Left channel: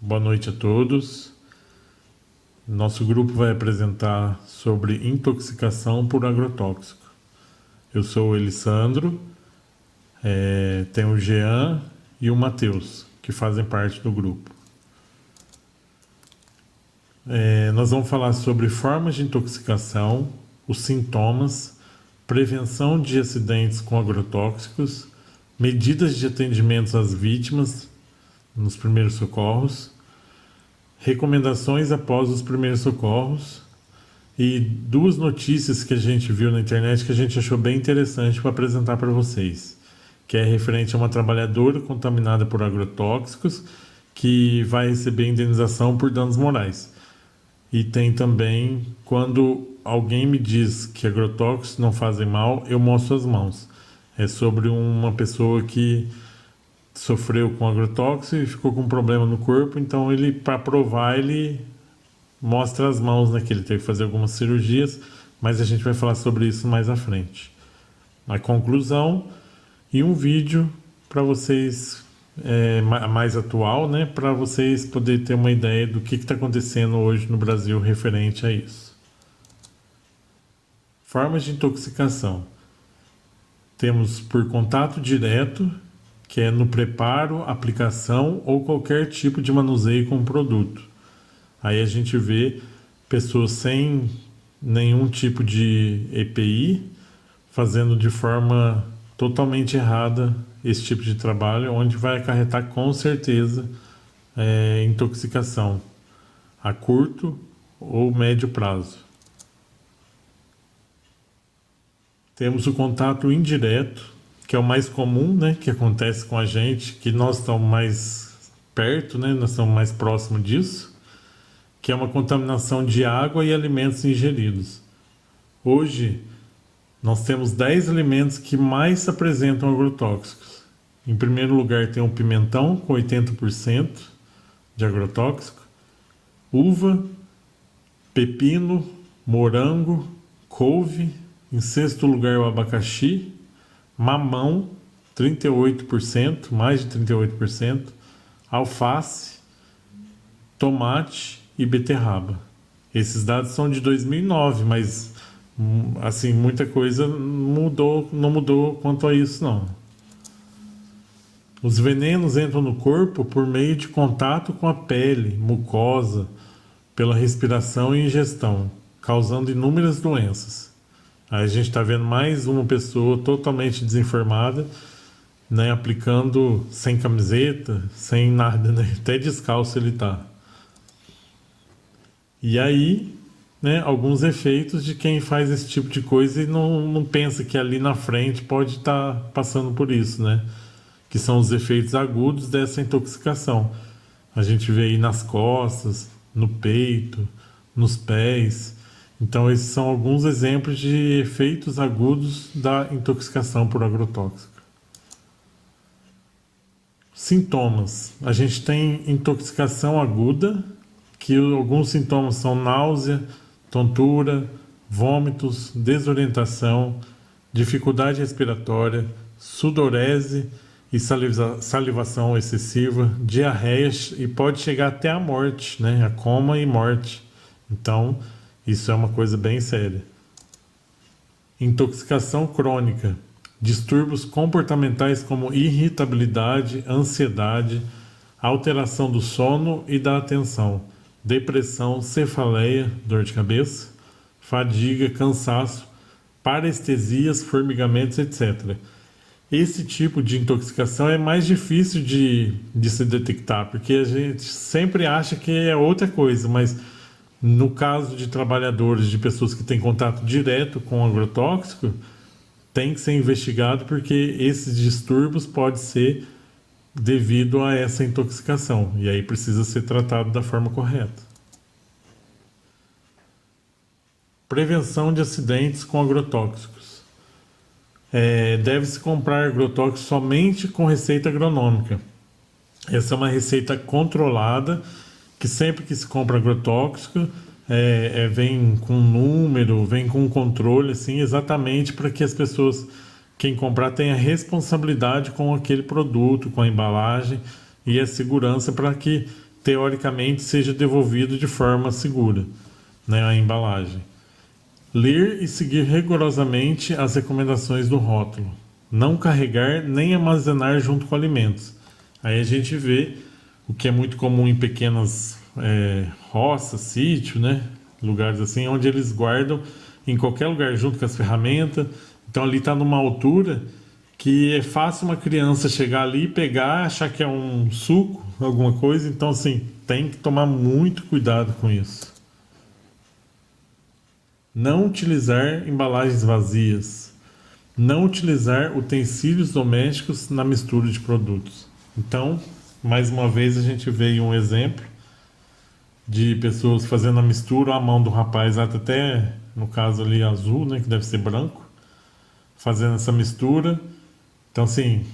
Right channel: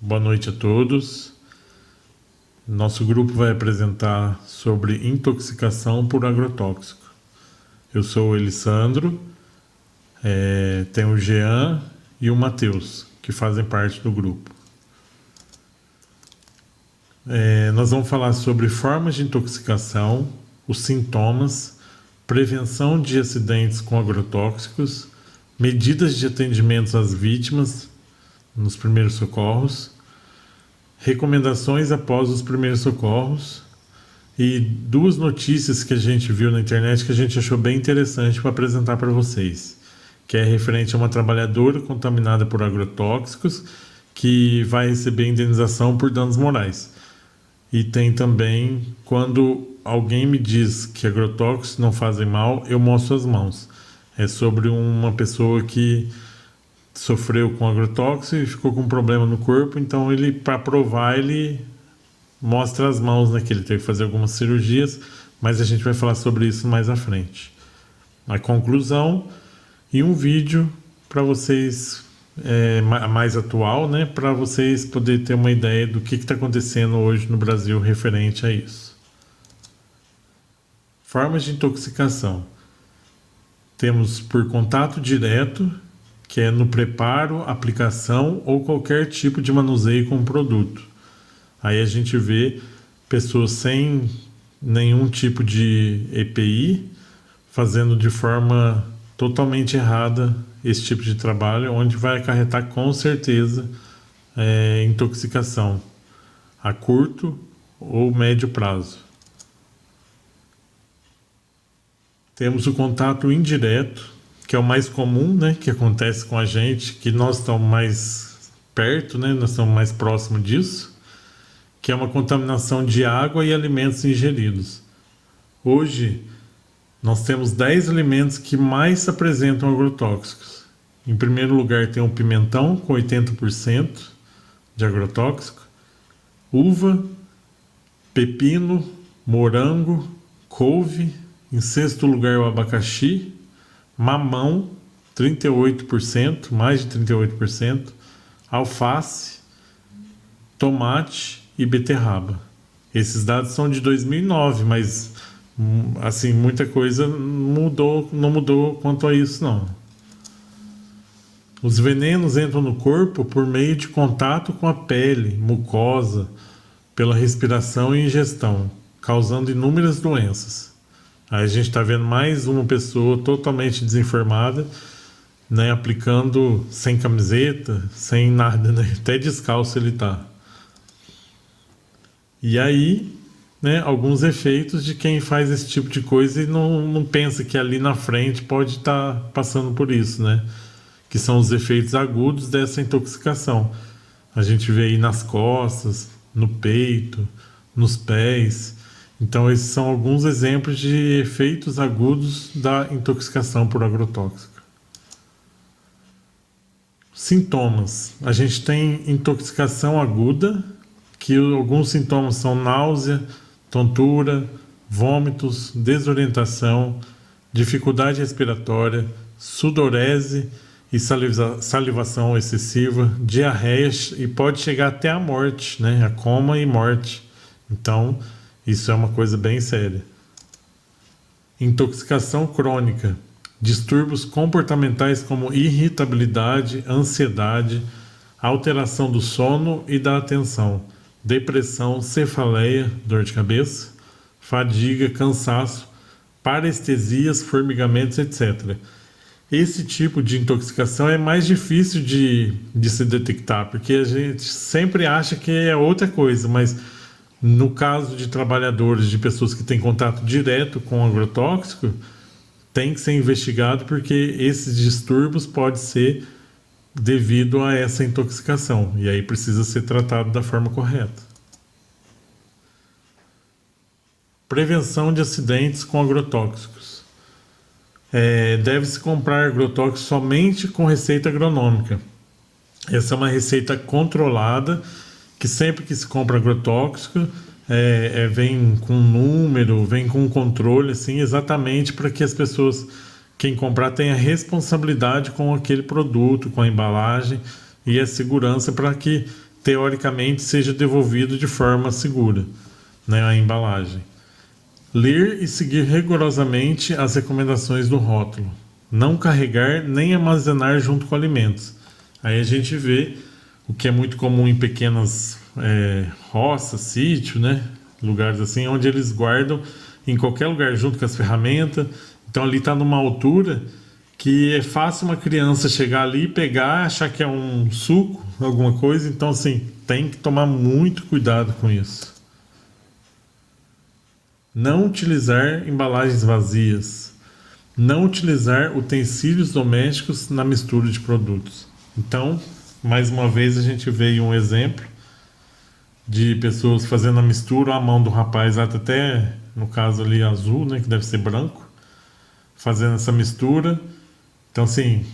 Boa noite a todos. Nosso grupo vai apresentar sobre intoxicação por agrotóxico. Eu sou o Elisandro, tem o Jean e o Matheus, que fazem parte do grupo. Nós vamos falar sobre formas de intoxicação, os sintomas, prevenção de acidentes com agrotóxicos, medidas de atendimento às vítimas nos primeiros socorros, recomendações após os primeiros socorros e duas notícias que a gente viu na internet que a gente achou bem interessante para apresentar para vocês, que é referente a uma trabalhadora contaminada por agrotóxicos que vai receber indenização por danos morais. E tem também quando alguém me diz que agrotóxicos não fazem mal, eu mostro as mãos. É sobre uma pessoa que sofreu com agrotóxico e ficou com um problema no corpo, então ele, para provar, ele mostra as mãos, né, que ele teve que fazer algumas cirurgias, mas a gente vai falar sobre isso mais à frente. A conclusão e um vídeo para vocês, mais atual, né, para vocês poderem ter uma ideia do que está acontecendo hoje no Brasil referente a isso. Formas de intoxicação. Temos por contato direto, que é no preparo, aplicação ou qualquer tipo de manuseio com o produto. Aí a gente vê pessoas sem nenhum tipo de EPI fazendo de forma totalmente errada esse tipo de trabalho, onde vai acarretar com certeza intoxicação a curto ou médio prazo. Temos o contato indireto, que é o mais comum, né, que acontece com a gente, que nós estamos mais perto, né, nós estamos mais próximos disso, que é uma contaminação de água e alimentos ingeridos. Hoje, nós temos 10 alimentos que mais se apresentam agrotóxicos. Em primeiro lugar tem o pimentão, com 80% de agrotóxico, uva, pepino, morango, couve, em sexto lugar o abacaxi, mamão, 38%, mais de 38%, alface, tomate e beterraba. Esses dados são de 2009, mas assim, muita coisa não mudou quanto a isso não. Os venenos entram no corpo por meio de contato com a pele, mucosa, pela respiração e ingestão, causando inúmeras doenças. Aí a gente está vendo mais uma pessoa totalmente desinformada, né, aplicando sem camiseta, sem nada, né, até descalço ele tá. E aí, né, alguns efeitos de quem faz esse tipo de coisa e não pensa que ali na frente pode estar passando por isso, né? Que são os efeitos agudos dessa intoxicação. A gente vê aí nas costas, no peito, nos pés. Então, esses são alguns exemplos de efeitos agudos da intoxicação por agrotóxico. Sintomas. A gente tem intoxicação aguda, que alguns sintomas são náusea, tontura, vômitos, desorientação, dificuldade respiratória, sudorese e salivação excessiva, diarreias e pode chegar até a morte, né? A coma e morte. Então, isso é uma coisa bem séria. Intoxicação crônica. Distúrbios comportamentais como irritabilidade, ansiedade, alteração do sono e da atenção, depressão, cefaleia, dor de cabeça, fadiga, cansaço, parestesias, formigamentos, etc. Esse tipo de intoxicação é mais difícil de se detectar, porque a gente sempre acha que é outra coisa, mas no caso de trabalhadores, de pessoas que têm contato direto com agrotóxico, tem que ser investigado porque esses distúrbios podem ser devido a essa intoxicação e aí precisa ser tratado da forma correta. Prevenção de acidentes com agrotóxicos. Deve-se comprar agrotóxicos somente com receita agronômica. Essa é uma receita controlada, que sempre que se compra agrotóxico, vem com número, vem com controle, assim, exatamente para que as pessoas, quem comprar, tenha responsabilidade com aquele produto, com a embalagem e a segurança para que teoricamente seja devolvido de forma segura, né, a embalagem. Ler e seguir rigorosamente as recomendações do rótulo. Não carregar nem armazenar junto com alimentos. Aí a gente vê o que é muito comum em pequenas roças, sítio, né? Lugares assim, onde eles guardam em qualquer lugar junto com as ferramentas. Então ali está numa altura que é fácil uma criança chegar ali, pegar, achar que é um suco, alguma coisa. Então assim, tem que tomar muito cuidado com isso. Não utilizar embalagens vazias. Não utilizar utensílios domésticos na mistura de produtos. Então, mais uma vez a gente vê um exemplo de pessoas fazendo a mistura, a mão do rapaz até no caso ali azul, né, que deve ser branco, fazendo essa mistura. Então assim,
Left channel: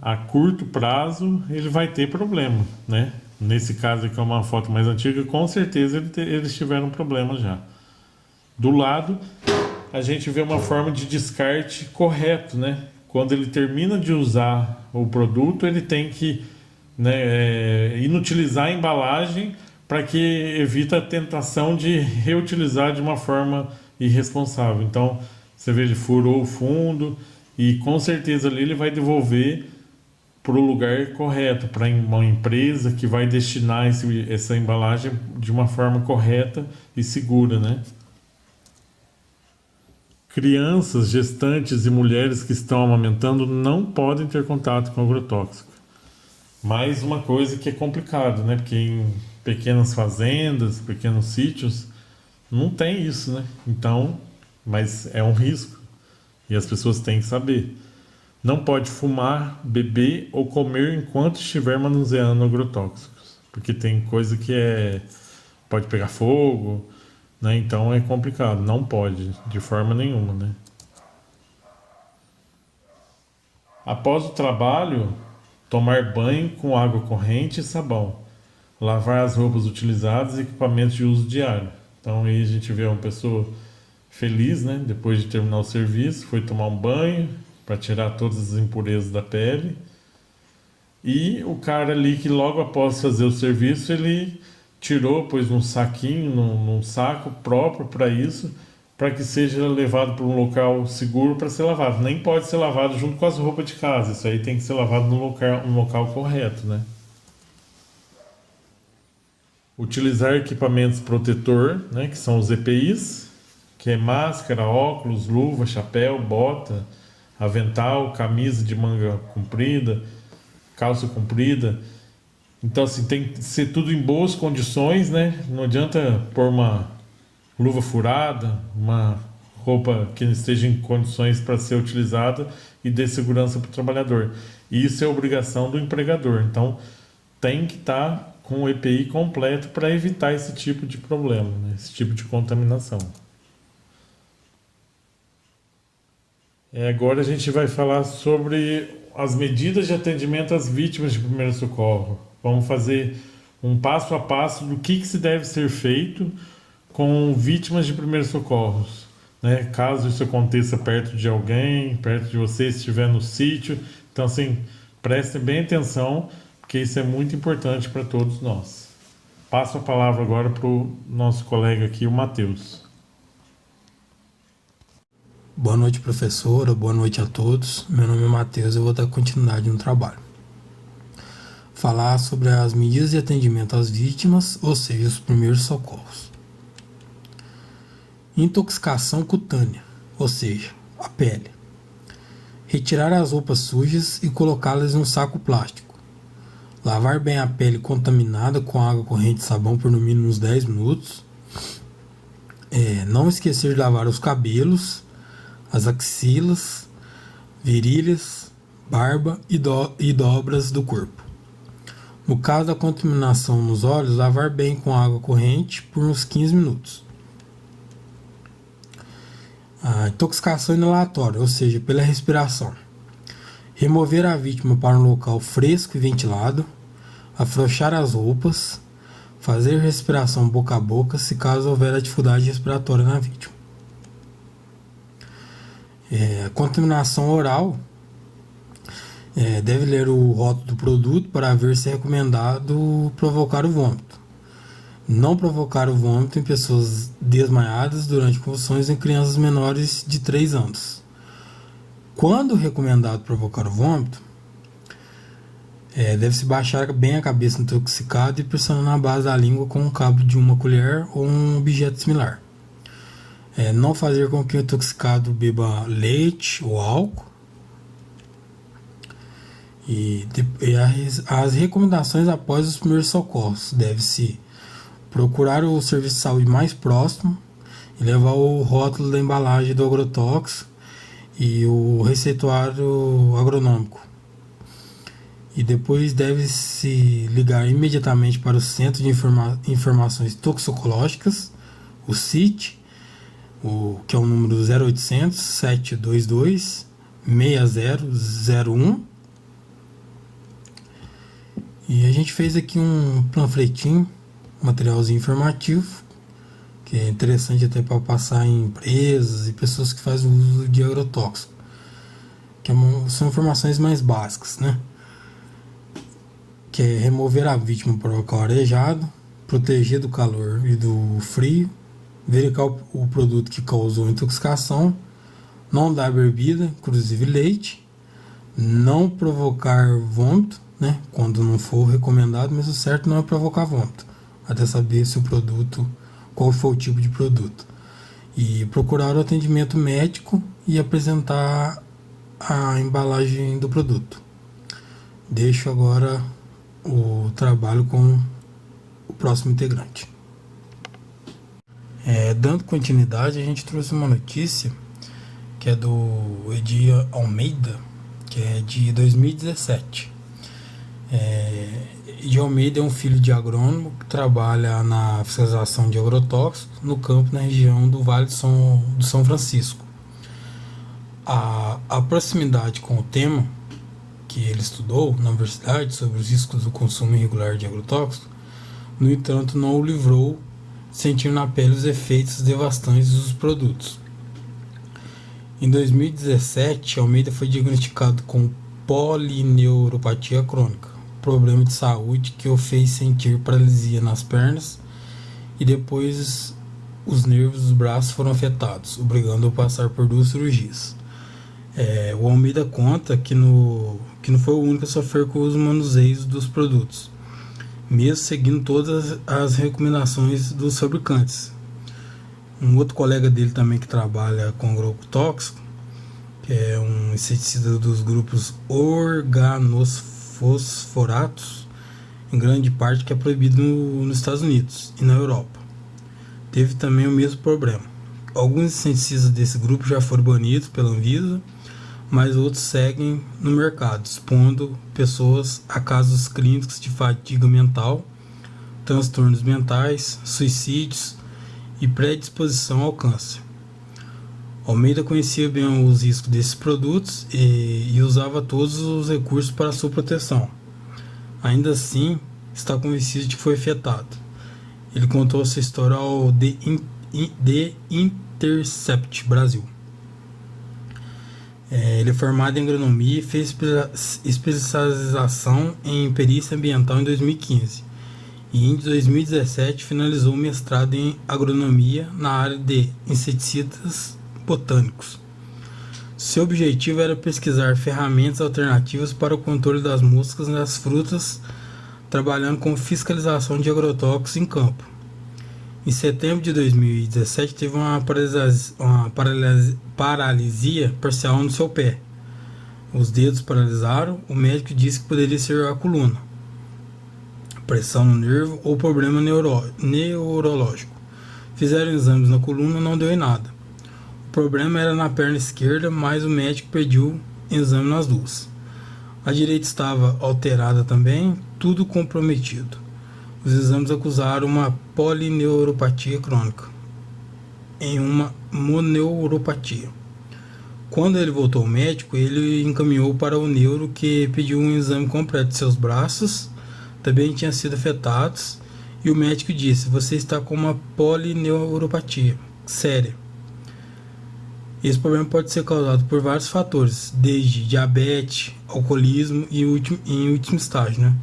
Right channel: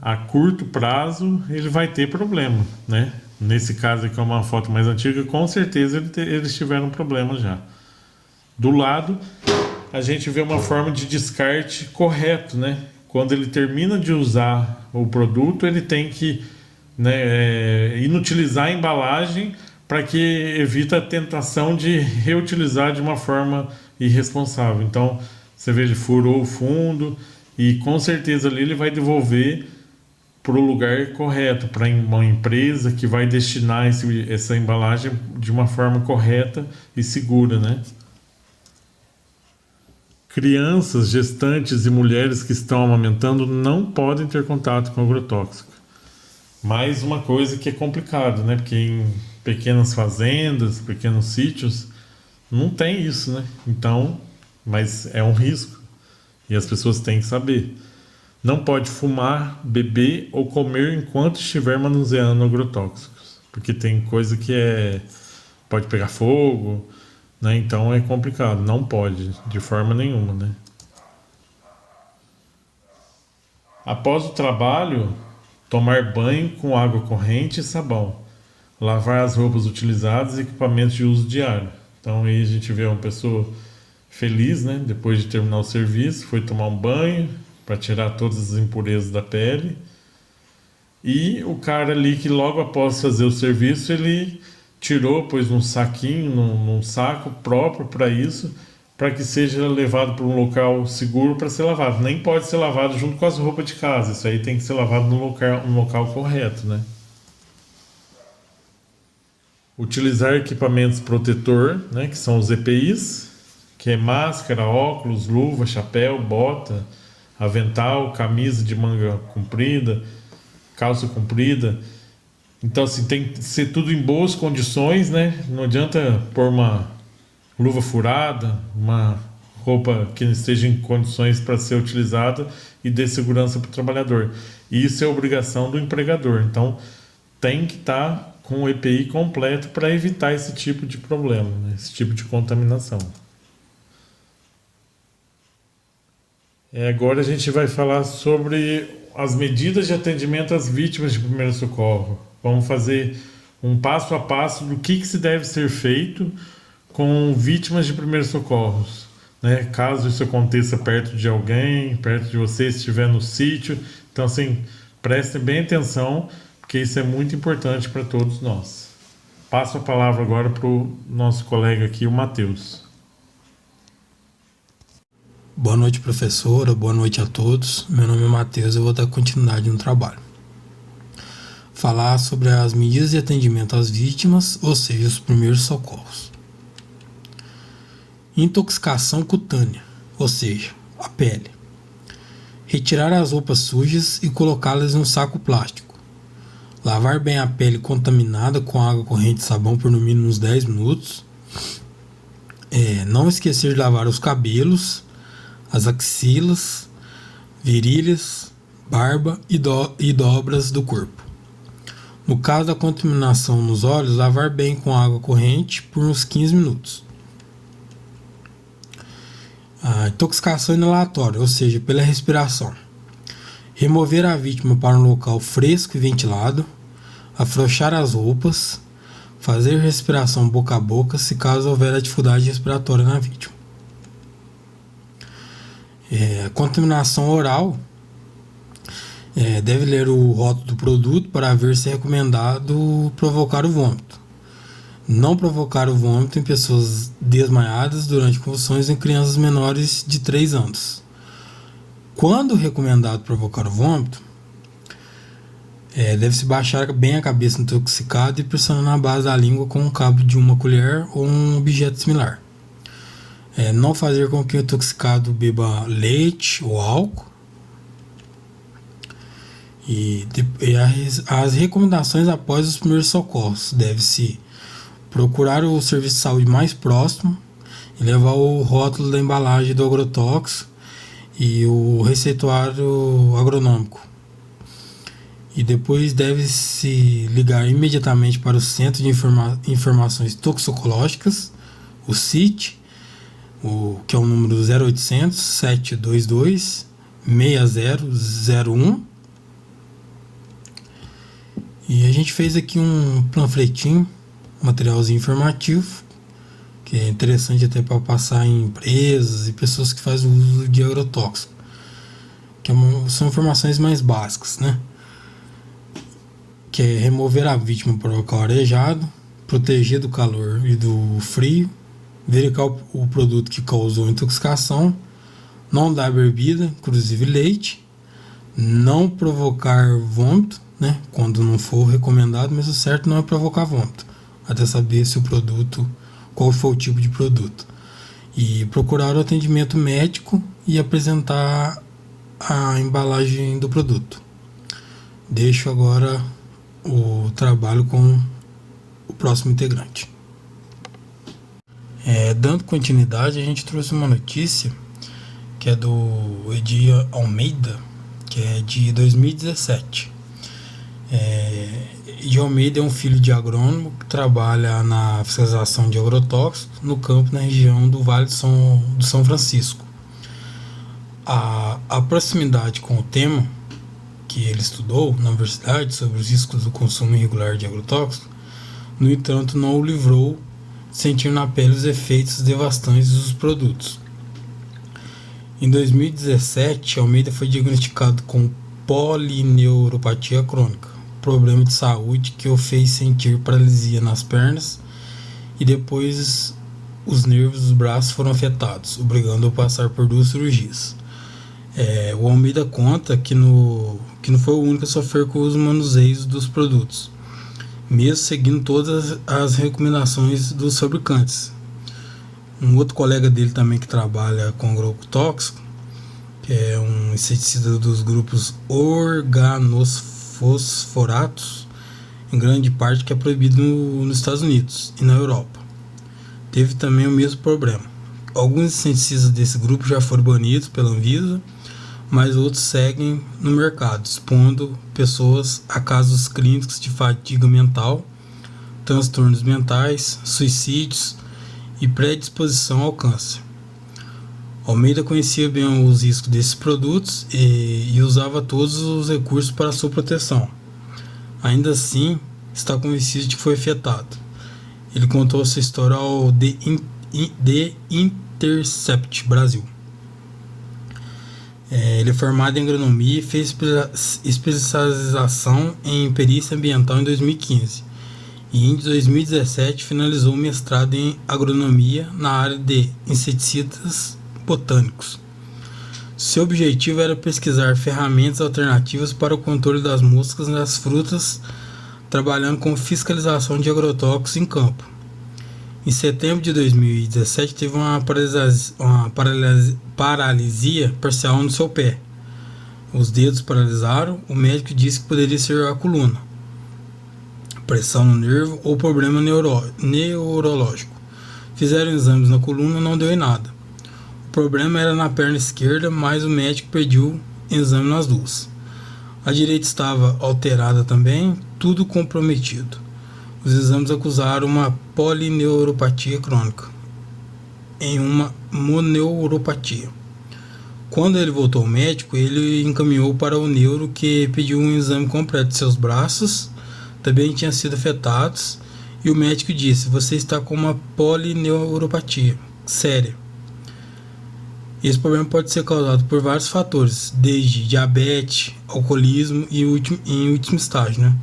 a curto prazo ele vai ter problema, né? Nesse caso aqui é uma foto mais antiga, com certeza eles tiveram problema já. Do lado, a gente vê uma forma de descarte correto, né? Quando ele termina de usar o produto, ele tem que, né, inutilizar a embalagem para que evite a tentação de reutilizar de uma forma irresponsável. Então, você vê, ele furou o fundo e com certeza ali ele vai devolver para o lugar correto, para uma empresa que vai destinar essa embalagem de uma forma correta e segura, né? Crianças, gestantes e mulheres que estão amamentando não podem ter contato com agrotóxico. Mais uma coisa que é complicado, né? Porque em pequenas fazendas, pequenos sítios, não tem isso, né? Então, mas é um risco e as pessoas têm que saber. Não pode fumar, beber ou comer enquanto estiver manuseando agrotóxicos, porque tem coisa que pode pegar fogo, né? Então é complicado, não pode de forma nenhuma, né? Após o trabalho, tomar banho com água corrente e sabão, lavar as roupas utilizadas e equipamentos de uso diário. Então aí a gente vê uma pessoa feliz, né? Depois de terminar o serviço, foi tomar um banho para tirar todas as impurezas da pele. E o cara ali que logo após fazer o serviço, ele tirou, pôs num saquinho, num saco próprio para isso, para que seja levado para um local seguro para ser lavado. Nem pode ser lavado junto com as roupas de casa, isso aí tem que ser lavado no local correto, né? Utilizar equipamentos protetor, né, que são os EPIs, que é máscara, óculos, luva, chapéu, bota, avental, camisa de manga comprida, calça comprida. Então assim, tem que ser tudo em boas condições, né? Não adianta pôr uma luva furada, uma roupa que não esteja em condições para ser utilizada e dê segurança para o trabalhador. E isso é obrigação do empregador. Então tem que estar com o EPI completo para evitar esse tipo de problema, né? Esse tipo de contaminação. Agora a gente vai falar sobre as medidas de atendimento às vítimas de primeiro socorro. Vamos fazer um passo a passo do que se deve ser feito com vítimas de primeiros socorros, né? Caso isso aconteça perto de alguém, perto de você, se estiver no sítio. Então, assim, prestem bem atenção, porque isso é muito importante para todos nós. Passo a palavra agora para o nosso colega aqui, o Matheus. Boa noite, professora. Boa noite a todos. Meu nome é Matheus e eu vou dar continuidade no trabalho. Falar sobre as medidas de atendimento às vítimas, ou seja, os primeiros socorros. Intoxicação cutânea, ou seja, a pele. Retirar as roupas sujas e colocá-las em um saco plástico. Lavar bem a pele contaminada com água corrente e sabão por no mínimo uns 10 minutos. Não esquecer de lavar os cabelos, as axilas, virilhas, barba e dobras do corpo. No caso da contaminação nos olhos, lavar bem com água corrente por uns 15 minutos. A intoxicação inalatória, ou seja, pela respiração. Remover a vítima para um local fresco e ventilado, afrouxar as roupas, fazer respiração boca a boca se caso houver dificuldade respiratória na vítima. Contaminação oral Deve ler o rótulo do produto para ver se é recomendado provocar o vômito. Não provocar o vômito em pessoas desmaiadas durante convulsões em crianças menores de 3 anos. Quando recomendado provocar o vômito, deve-se baixar bem a cabeça do intoxicado e pressionar na base da língua com o cabo de uma colher ou um objeto similar. Não fazer com que o intoxicado beba leite ou álcool. As recomendações após os primeiros socorros. Deve-se procurar o serviço de saúde mais próximo e levar o rótulo da embalagem do agrotóxico e o receituário agronômico. E depois deve-se ligar imediatamente para o Centro de Informações Toxicológicas, o CIT, que é o número 0800 722 6001. E a gente fez aqui um panfletinho, um materialzinho informativo, que é interessante até para passar em empresas e pessoas que fazem uso de agrotóxico, que são informações mais básicas, né? Que é remover a vítima para o local arejado, proteger do calor e do frio, verificar o produto que causou intoxicação, não dar bebida, inclusive leite, não provocar vômito, né, quando não for recomendado, mas o certo não é provocar vômito, até saber se o produto, qual foi o tipo de produto. E procurar o atendimento médico e apresentar a embalagem do produto. Deixo agora o trabalho com o próximo integrante. Dando continuidade, a gente trouxe uma notícia que é do Edir Almeida, que é de 2017. Edir Almeida é um filho de agrônomo que trabalha na fiscalização de agrotóxicos no campo na região do Vale do São Francisco. A proximidade com o tema que ele estudou na universidade sobre os riscos do consumo irregular de agrotóxicos, no entanto, não o livrou de sentir na pele os efeitos devastantes dos produtos. Em 2017, Almeida foi diagnosticado com polineuropatia crônica, problema de saúde que o fez sentir paralisia nas pernas e depois os nervos dos braços foram afetados, obrigando-o a passar por 2 cirurgias. O Almeida conta que não foi o único a sofrer com os manuseios dos produtos, mesmo seguindo todas as recomendações dos fabricantes. Um outro colega dele também que trabalha com agrotóxico, que é um inseticida dos grupos organosfosforatos, em grande parte que é proibido nos Estados Unidos e na Europa. Teve também o mesmo problema. Alguns inseticidas desse grupo já foram banidos pela Anvisa, mas outros seguem no mercado, expondo pessoas a casos clínicos de fadiga mental, transtornos mentais, suicídios e predisposição ao câncer. Almeida conhecia bem os riscos desses produtos e usava todos os recursos para sua proteção. Ainda assim, está convencido de que foi afetado. Ele contou sua história ao The Intercept Brasil. Ele é formado em agronomia e fez especialização em perícia ambiental em 2015. E em 2017 finalizou o mestrado em agronomia na área de inseticidas botânicos. Seu objetivo era pesquisar ferramentas alternativas para o controle das moscas nas frutas, trabalhando com fiscalização de agrotóxicos em campo. Em setembro de 2017 teve uma paralisia parcial no seu pé. Os dedos paralisaram, o médico disse que poderia ser a coluna, pressão no nervo ou problema neurológico. Fizeram exames na coluna e não deu em nada. O problema era na perna esquerda, mas o médico pediu exame nas duas. A direita estava alterada também, tudo comprometido. Os exames acusaram uma polineuropatia crônica em uma moneuropatia. Quando ele voltou ao médico, ele encaminhou para o neuro, que pediu um exame completo de seus braços, também tinham sido afetados, e o médico disse: você está com uma polineuropatia séria. Esse problema pode ser causado por vários fatores, desde diabetes, alcoolismo e em último estágio, né?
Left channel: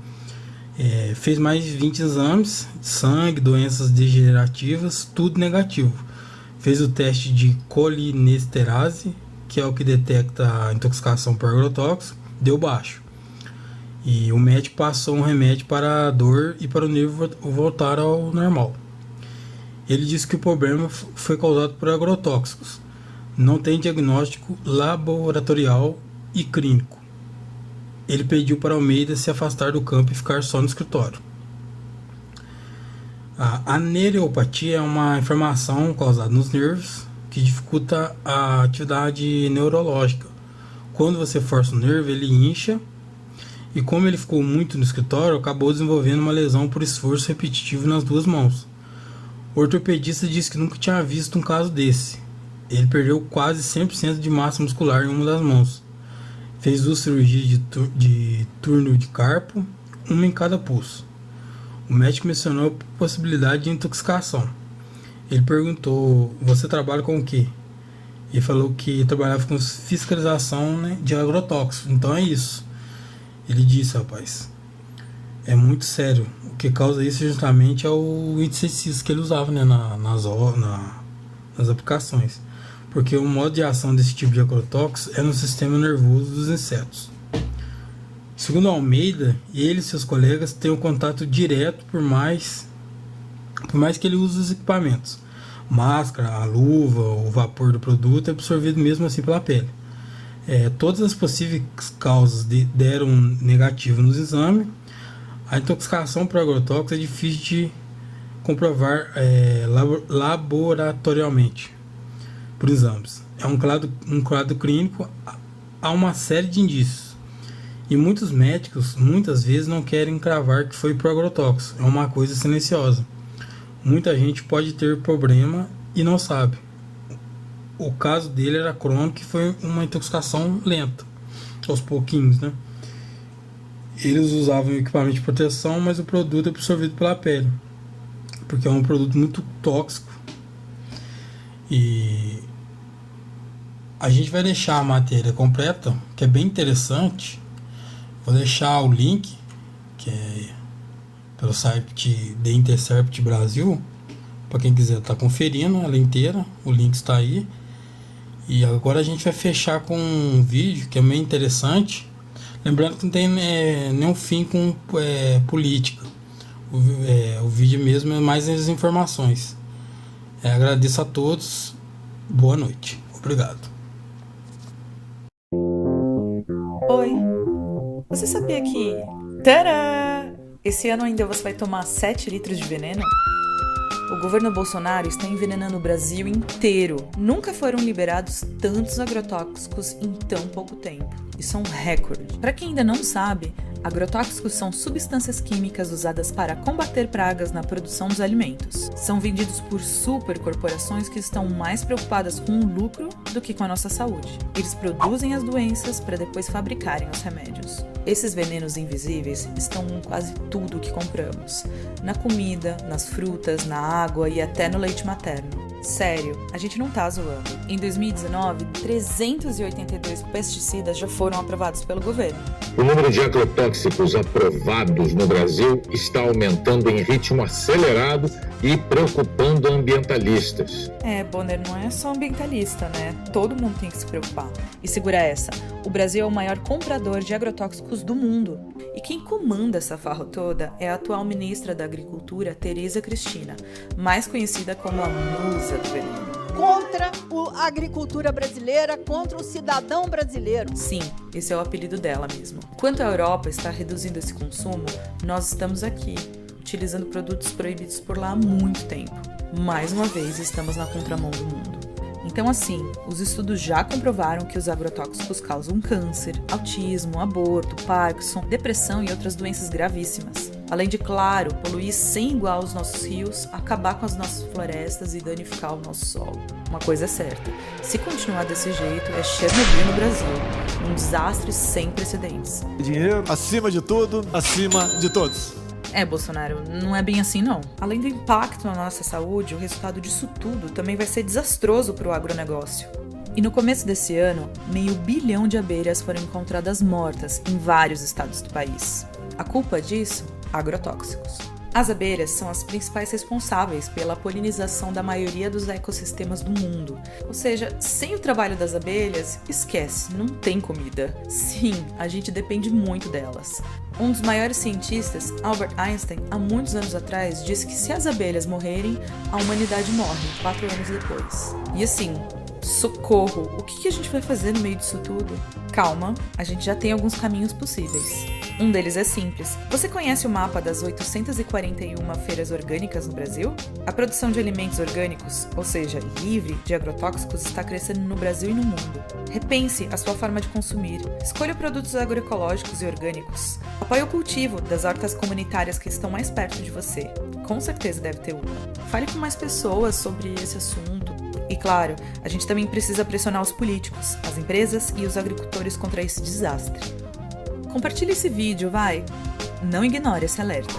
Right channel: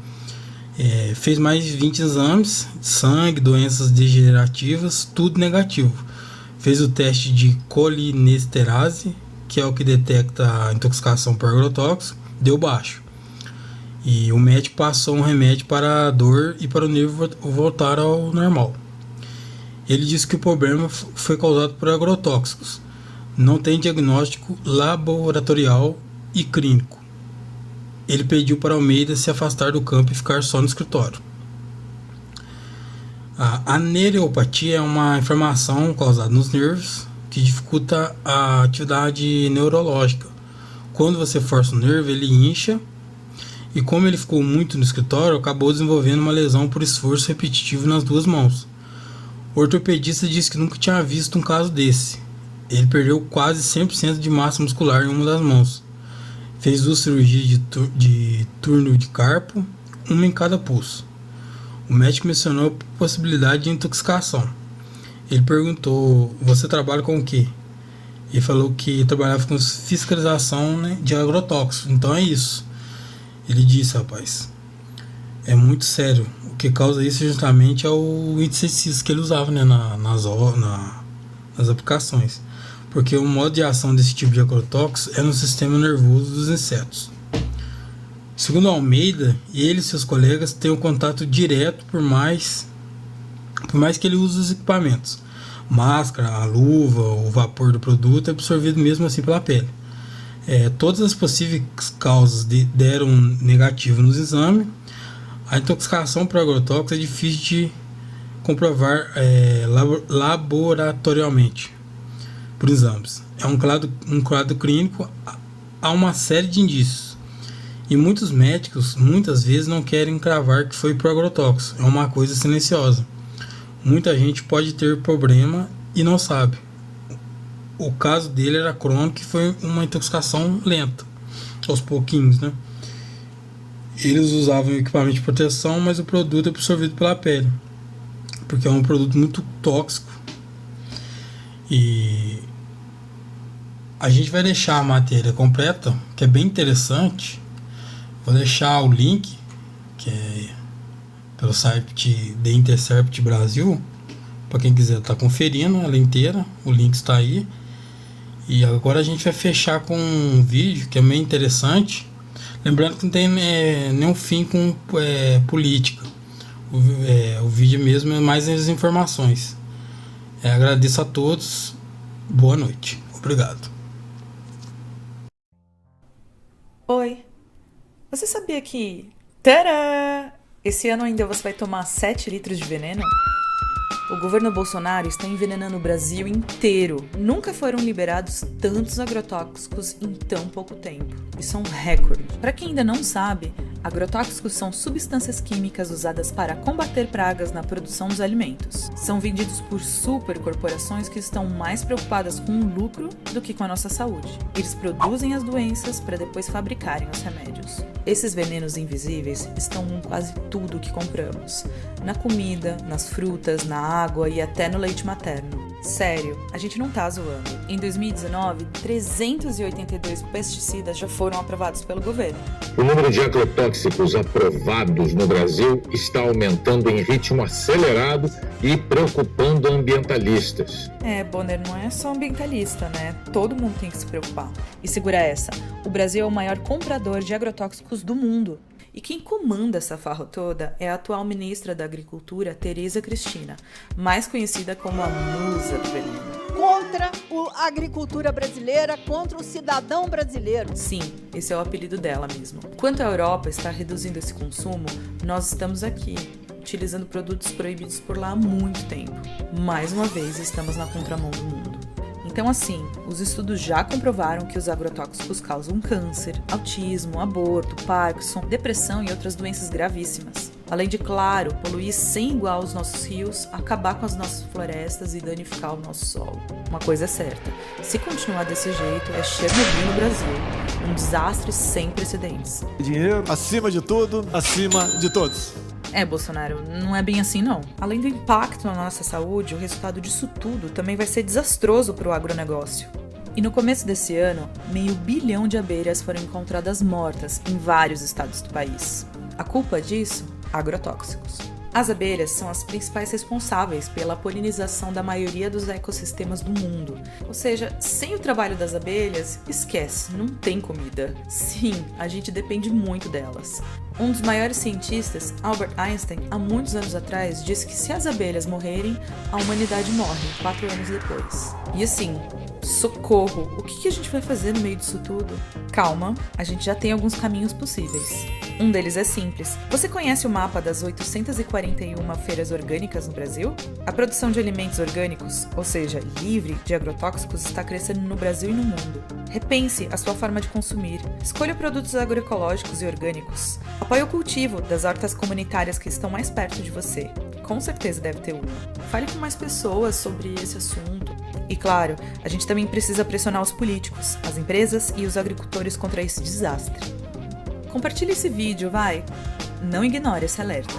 Fez mais de 20 exames, sangue, doenças degenerativas, tudo negativo. Fez o teste de colinesterase, que é o que detecta a intoxicação por agrotóxico, deu baixo. E o médico passou um remédio para a dor e para o nervo voltar ao normal. Ele disse que o problema foi causado por agrotóxicos. Não tem diagnóstico laboratorial e clínico. Ele pediu para Almeida se afastar do campo e ficar só no escritório. A neuropatia é uma inflamação causada nos nervos que dificulta a atividade neurológica. Quando você força o nervo, ele incha, e como ele ficou muito no escritório, acabou desenvolvendo uma lesão por esforço repetitivo nas duas mãos. O ortopedista disse que nunca tinha visto um caso desse. Ele perdeu quase 100% de massa muscular em uma das mãos. Fez 2 cirurgias de túnel de carpo, uma em cada pulso. O médico mencionou a possibilidade de intoxicação. Ele perguntou: você trabalha com o quê? Ele falou que trabalhava com fiscalização, né, de agrotóxicos. Então é isso. Ele disse: rapaz, é muito sério. O que causa isso justamente é o inseticida que ele usava, né, nas aplicações. Porque o modo de ação desse tipo de agrotóxico é no sistema nervoso dos insetos. Segundo Almeida, ele e seus colegas têm um contato direto, por mais que ele use os equipamentos. Máscara, a luva, o vapor do produto é absorvido mesmo assim pela pele. Todas as possíveis causas deram negativo nos exames. A intoxicação por agrotóxicos é difícil de comprovar laboratorialmente por exames. É um quadro clínico, há uma série de indícios. E muitos médicos, muitas vezes, não querem cravar que foi por agrotóxico. É uma coisa silenciosa. Muita gente pode ter problema e não sabe. O caso dele era crônico e foi uma intoxicação lenta, aos pouquinhos, né? Eles usavam equipamento de proteção, mas o produto é absorvido pela pele, porque é um produto muito tóxico. E a gente vai deixar a matéria completa, que é bem interessante. Vou deixar o link, que é pelo site The Intercept Brasil, para quem quiser estar conferindo ela inteira. O link está aí. E agora a gente vai fechar com um vídeo que é bem interessante. Lembrando que não tem nenhum fim com política. O vídeo mesmo é mais as informações. Agradeço a todos. Boa noite. Obrigado. Oi, você sabia que... Tadã! Esse ano ainda você vai tomar 7 litros de veneno? O governo Bolsonaro está envenenando o Brasil inteiro. Nunca foram liberados tantos agrotóxicos em tão pouco tempo. Isso é um recorde. Para quem ainda não sabe, agrotóxicos são substâncias químicas usadas para combater pragas na produção dos alimentos. São vendidos por supercorporações que estão mais preocupadas com o lucro do que com a nossa saúde. Eles produzem as doenças para depois fabricarem os remédios. Esses venenos invisíveis estão em quase tudo que compramos. Na comida, nas frutas, na água e até no leite materno. Sério, a gente não tá zoando. Em 2019, 382 pesticidas já foram aprovados pelo governo. O número de agrotóxicos aprovados no Brasil está aumentando em ritmo acelerado e preocupando ambientalistas. Bonner, não é só ambientalista, né? Todo mundo tem que se preocupar. E segura essa, o Brasil é o maior comprador de agrotóxicos do mundo. E quem comanda essa farra toda é a atual ministra da Agricultura, Tereza Cristina, mais conhecida como a musa do veneno. Contra a agricultura brasileira, contra o cidadão brasileiro. Sim, esse é o apelido dela mesmo. Enquanto a Europa está reduzindo esse consumo, nós estamos aqui, utilizando produtos proibidos por lá há muito tempo. Mais uma vez, estamos na contramão do mundo. Então, assim, os estudos já comprovaram que os agrotóxicos causam câncer, autismo, aborto, Parkinson, depressão e outras doenças gravíssimas. Além de, claro, poluir sem igual os nossos rios, acabar com as nossas florestas e danificar o nosso solo. Uma coisa é certa, se continuar desse jeito, é Chernobyl no Brasil. Um desastre sem precedentes. Dinheiro, acima de tudo, acima de todos. Bolsonaro, não é bem assim não. Além do impacto na nossa saúde, o resultado disso tudo também vai ser desastroso para o agronegócio. E no começo desse ano, 500 milhões de abelhas foram encontradas mortas em vários estados do país. A culpa disso? Agrotóxicos. As abelhas são as principais responsáveis pela polinização da maioria dos ecossistemas do mundo. Ou seja, sem o trabalho das abelhas, esquece, não tem comida. Sim, a gente depende muito delas. Um dos maiores cientistas, Albert Einstein, há muitos anos atrás, disse que se as abelhas morrerem, a humanidade morre 4 anos depois. E assim, socorro, o que a gente vai fazer no meio disso tudo? Calma, a gente já tem alguns caminhos possíveis. Um deles é simples. Você conhece o mapa das 841 feiras orgânicas no Brasil? A produção de alimentos orgânicos, ou seja, livre de agrotóxicos, está crescendo no Brasil e no mundo. Repense a sua forma de consumir. Escolha produtos agroecológicos e orgânicos. Apoie o cultivo das hortas comunitárias que estão mais perto de você. Com certeza deve ter uma. Fale com mais pessoas sobre esse assunto. E claro, a gente também precisa pressionar os políticos, as empresas e os agricultores contra esse desastre. Compartilhe esse vídeo, vai! Não ignore esse alerta.